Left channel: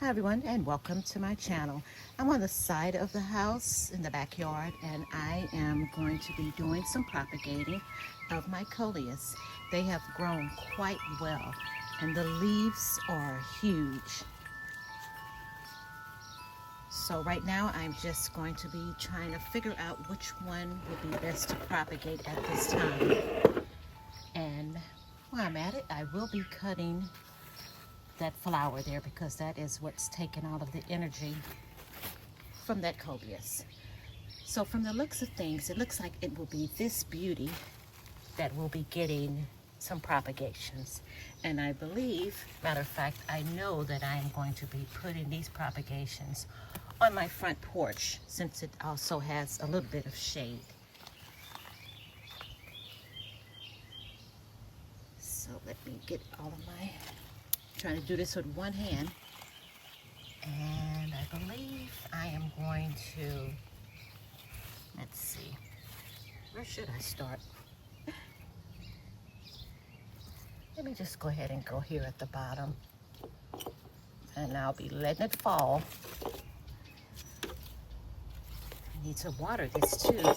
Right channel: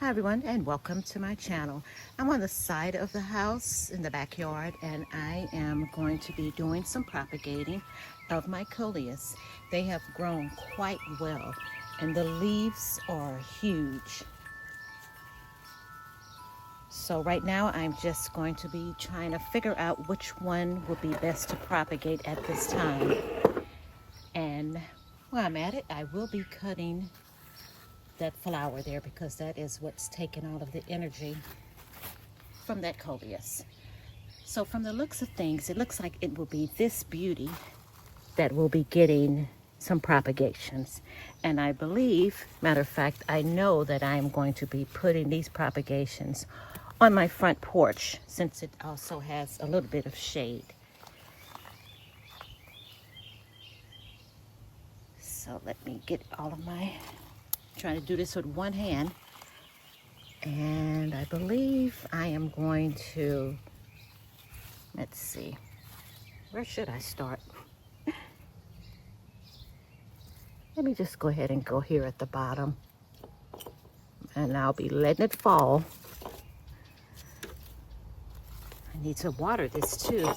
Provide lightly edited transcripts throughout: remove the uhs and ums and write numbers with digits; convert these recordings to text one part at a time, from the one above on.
Hi everyone, and welcome to my channel. I'm on the side of the house in the backyard, and I am going to be doing some propagating of my Coleus. They have grown quite well and the leaves are huge. So right now I'm just going to be trying to figure out which one would be best to propagate at this time. And while I'm at it, I will be cutting that flower there because that is what's taking all of the energy from that Coleus. So from the looks of things, it looks like it will be this beauty that will be getting some propagations. And I believe, matter of fact, I know that I am going to be putting these propagations on my front porch since it also has a little bit of shade. So let me get all of my, trying to do this with one hand. And I believe I am going to, let's see, where should I start? Let me just go ahead and go here at the bottom. And I'll be letting it fall. I need to water this too.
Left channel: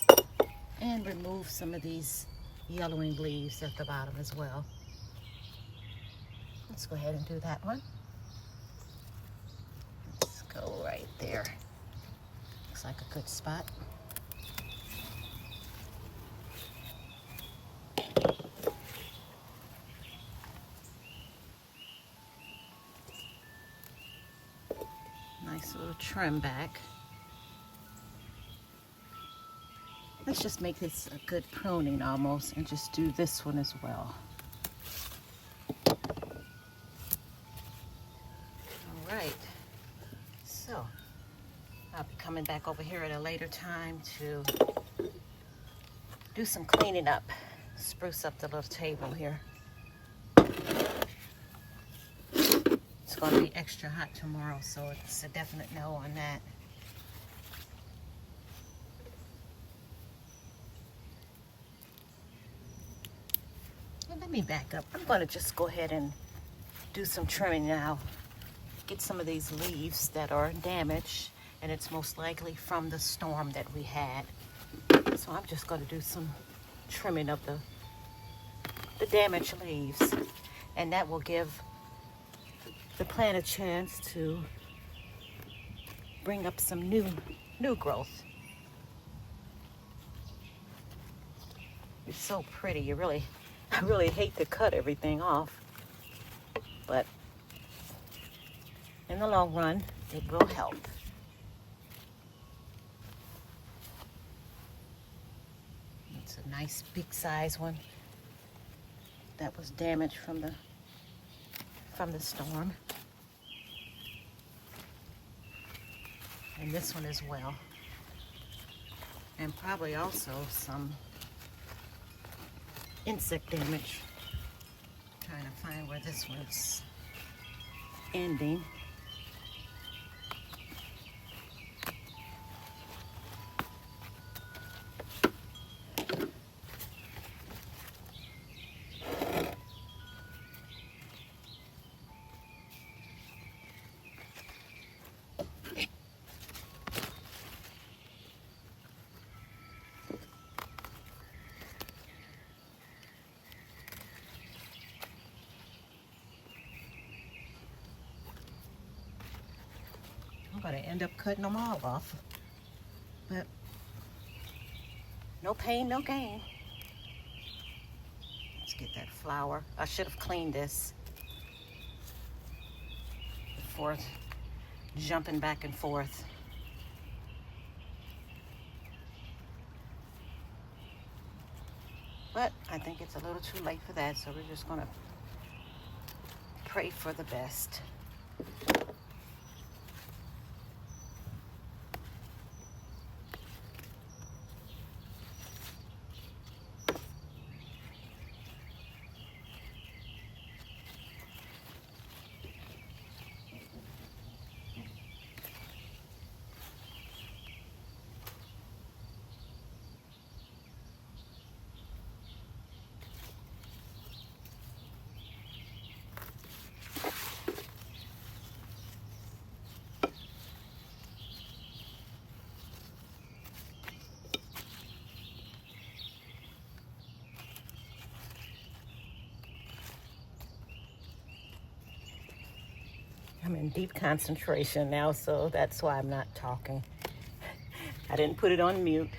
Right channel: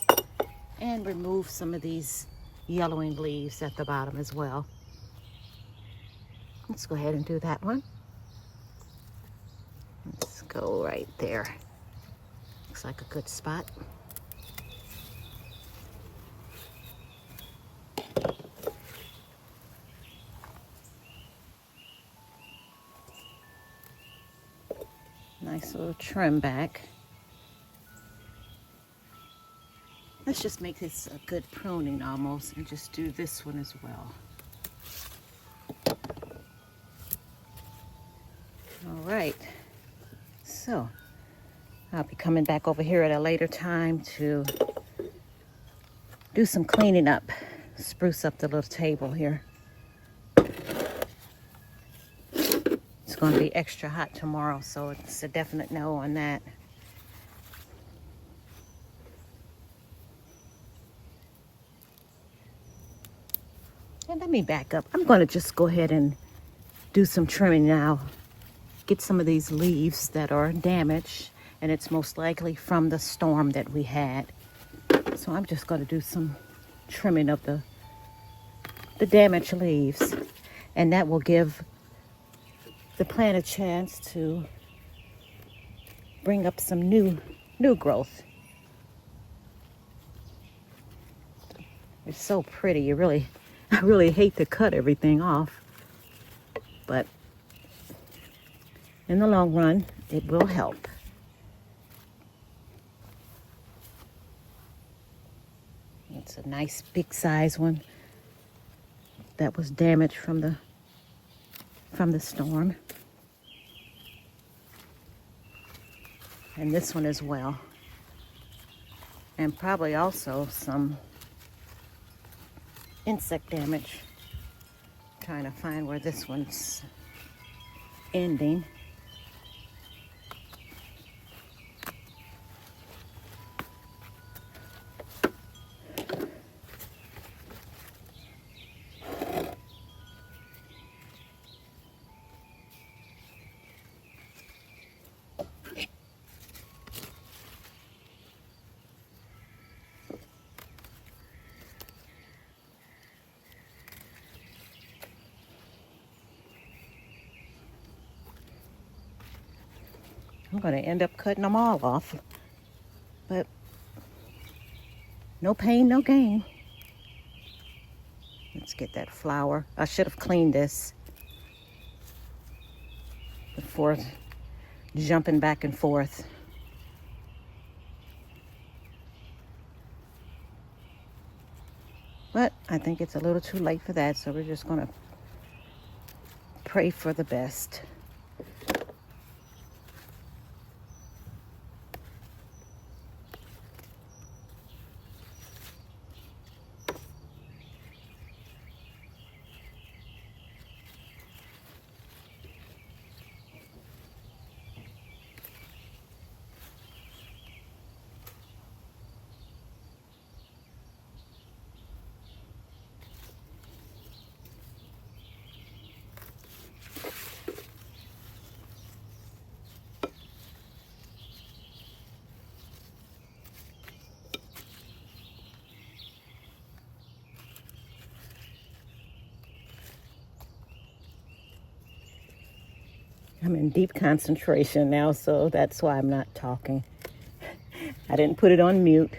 And remove some of these yellowing leaves at the bottom as well. Let's go ahead and do that one. Let's go right there. Looks like a good spot. Nice little trim back. Let's just make this a good pruning almost and just do this one as well. All right, so I'll be coming back over here at a later time to do some cleaning up, spruce up the little table here. It's going to be extra hot tomorrow, so it's a definite no on that. And let me back up. I'm going to just go ahead and do some trimming now. Get some of these leaves that are damaged, and it's most likely from the storm that we had. So I'm just going to do some trimming of the damaged leaves, and that will give the plant a chance to bring up some new growth. It's so pretty. I really hate to cut everything off, but in the long run, it will help. It's a nice big size one that was damaged from the storm. And this one as well. And probably also some insect damage. Trying to find where this one's ending. I'm going to end up cutting them all off, but no pain, no gain. Let's get that flower. I should have cleaned this before jumping back and forth. But I think it's a little too late for that, so we're just going to pray for the best. I'm in deep concentration now, so that's why I'm not talking. I didn't put it on mute.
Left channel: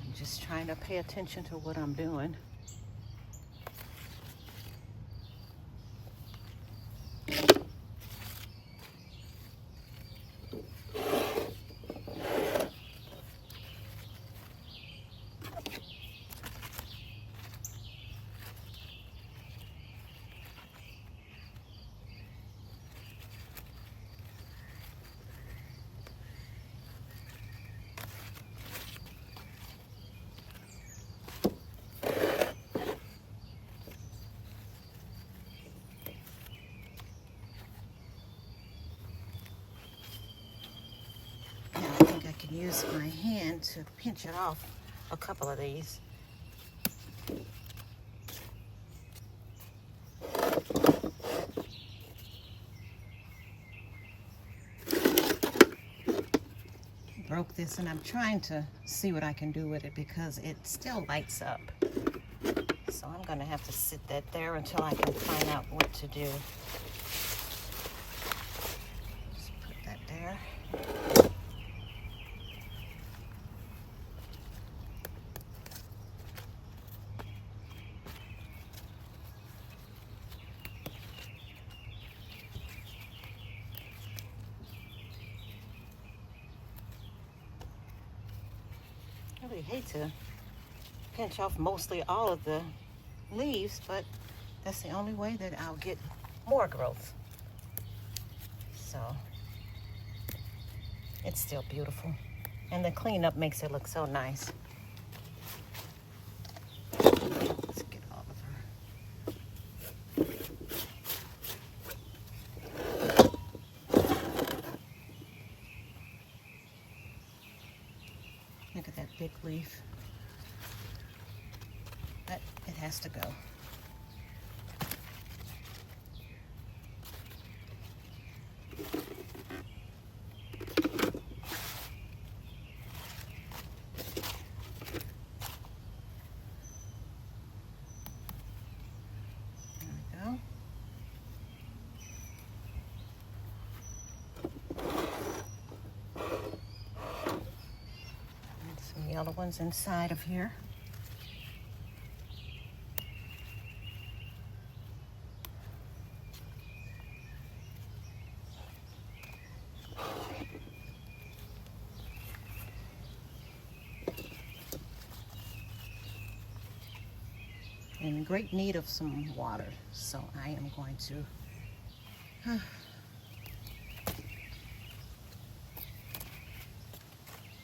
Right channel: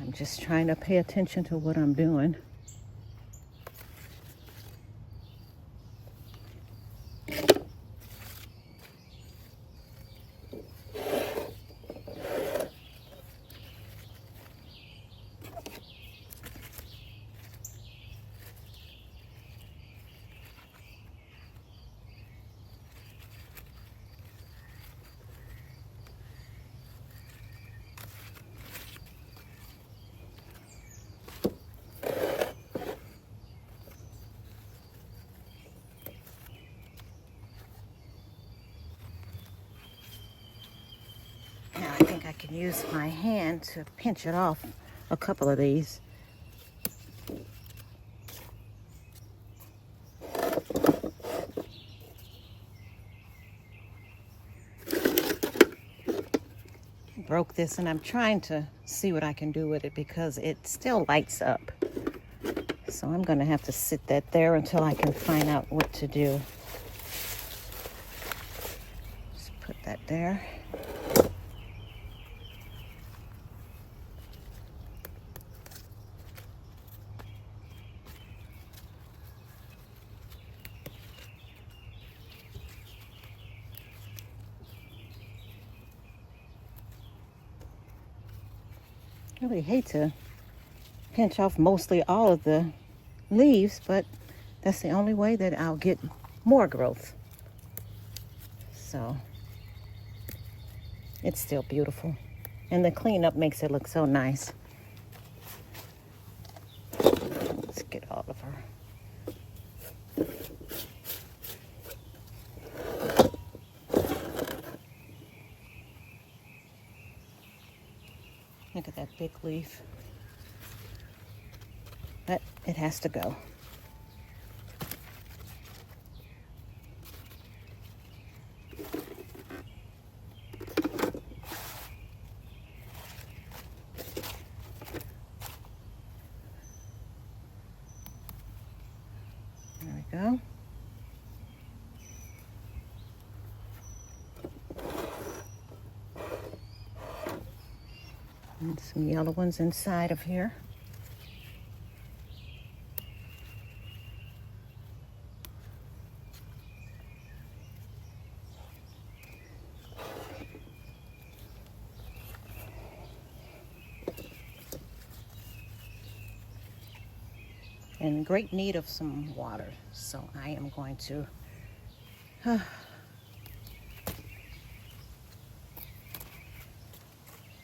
I'm just trying to pay attention to what I'm doing. Now I think I can use my hand to pinch it off a couple of these. Broke this and I'm trying to see what I can do with it because it still lights up. So I'm gonna have to sit that there until I can find out what to do. Just put that there. I really hate to pinch off mostly all of the leaves, but that's the only way that I'll get more growth. So it's still beautiful. And the cleanup makes it look so nice. Let's get all of her. Look at that big leaf. But it has to go. There we go. And some yellow ones inside of here. In great need of some water, so I am going to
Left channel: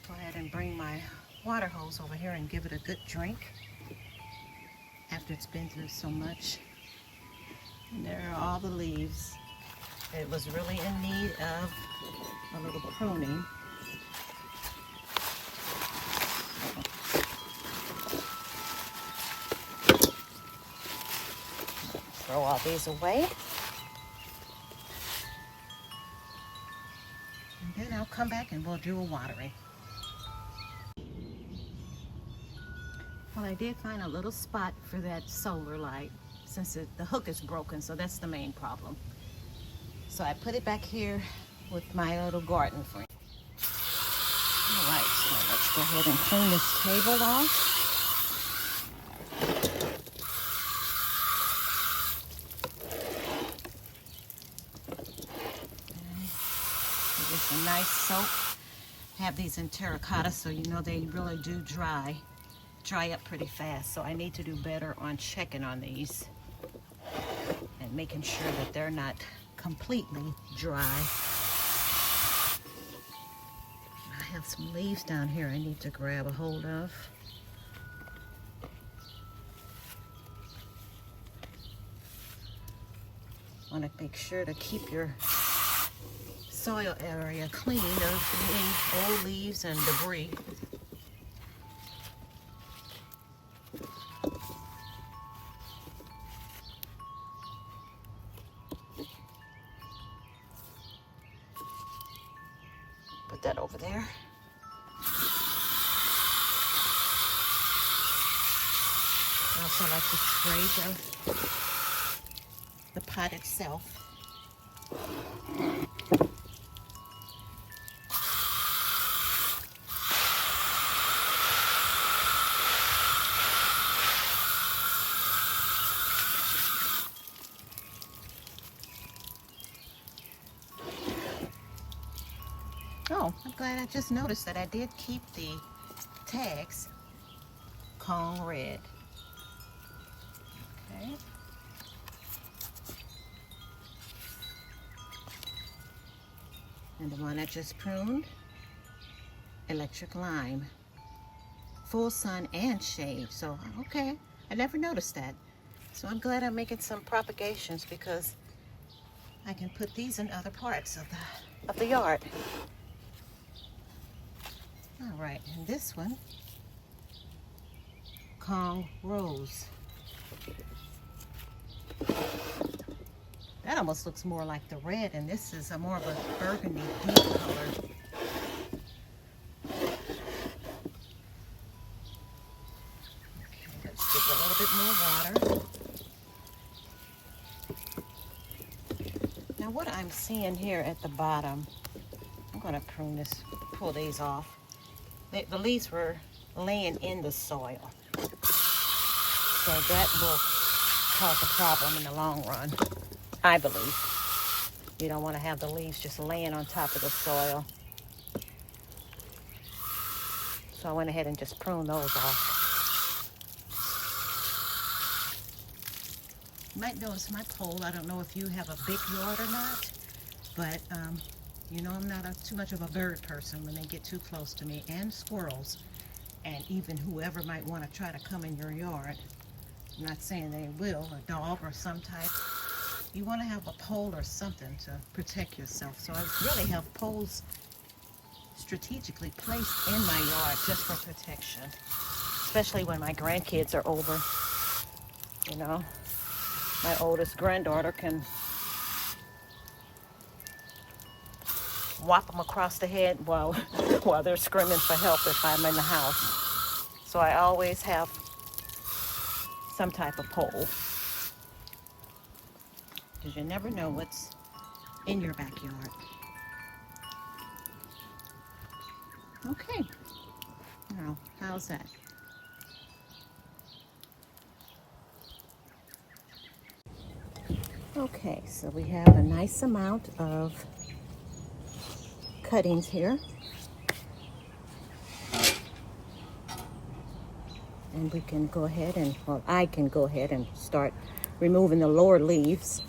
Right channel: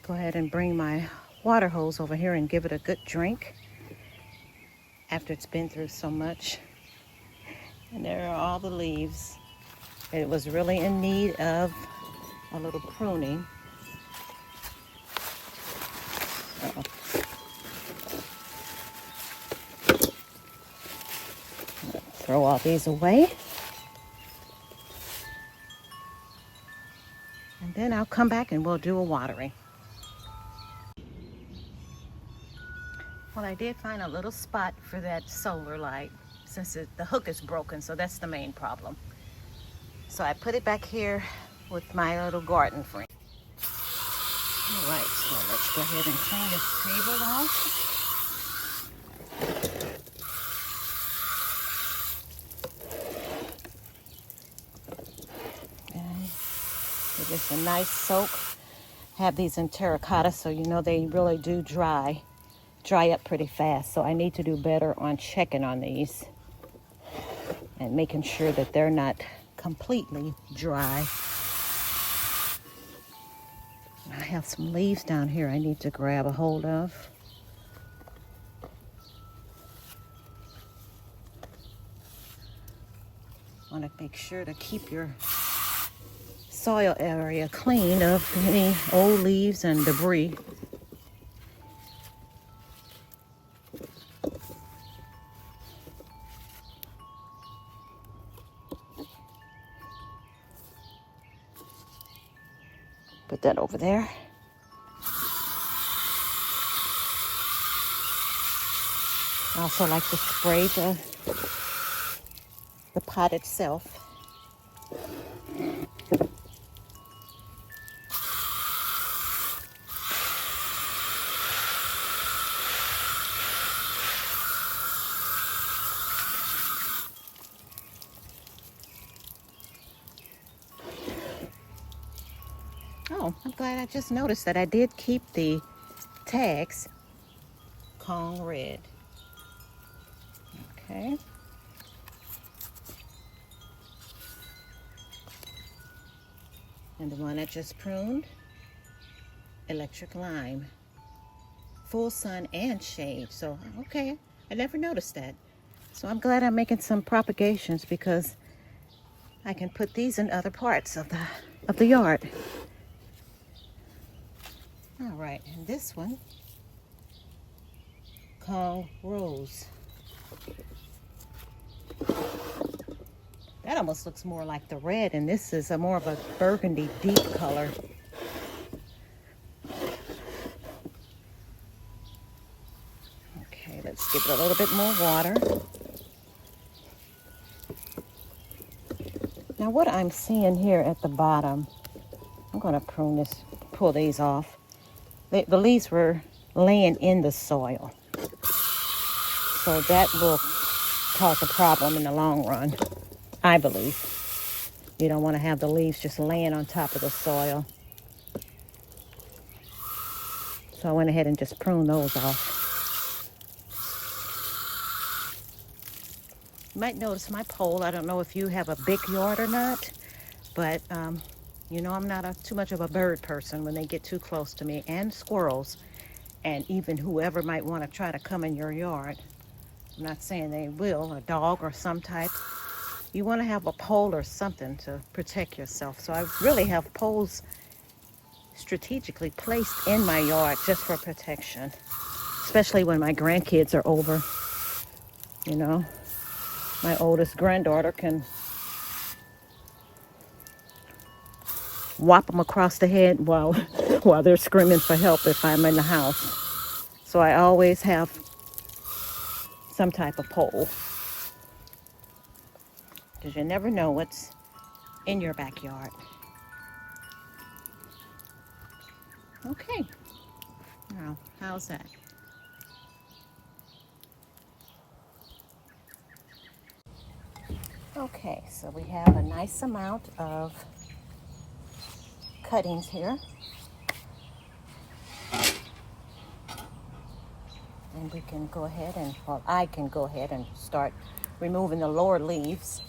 go ahead and bring my water hose over here and give it a good drink after it's been through so much. And there are all the leaves. It was really in need of a little pruning. Throw all these away. And then I'll come back and we'll do a watering. Well, I did find a little spot for that solar light since the hook is broken, so that's the main problem. So I put it back here with my little garden friend. All right, so let's go ahead and clean this table off. Give this a nice soak. Have these in terracotta, so you know they really do dry up pretty fast. So I need to do better on checking on these and making sure that they're not completely dry. I have some leaves down here I need to grab a hold of. Want to make sure to keep your soil area clean of any old leaves and debris. Put that over there. I also like to spray the pot itself. Oh, I'm glad I just noticed that I did keep the tags Kong red. Okay. And the one I just pruned, electric lime. Full sun and shade. So, okay, I never noticed that. So I'm glad I'm making some propagations because I can put these in other parts of the yard. All right, and this one, Kong Rose. That almost looks more like the red, and this is a more of a burgundy deep color. Okay, let's give it a little bit more water. Now what I'm seeing here at the bottom, I'm going to prune this, pull these off. The leaves were laying in the soil, so that will cause a problem in the long run, I believe. You don't want to have the leaves just laying on top of the soil. So I went ahead and just pruned those off. You might notice my pole. I don't know if you have a big yard or not, but you know, I'm not too much of a bird person when they get too close to me, and squirrels, and even whoever might want to try to come in your yard. I'm not saying they will, a dog or some type. You want to have a pole or something to protect yourself. So I really have poles strategically placed in my yard just for protection, especially when my grandkids are over. You know, my oldest granddaughter can whop them across the head while they're screaming for help if I'm in the house. So I always have some type of pole, because you never know what's in your backyard. Okay, now how's that? Okay, so we have a nice amount of cuttings here. And we can go ahead and, well, I can go ahead and start removing the lower leaves.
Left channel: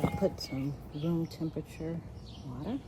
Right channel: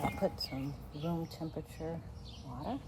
I'll put some room temperature water.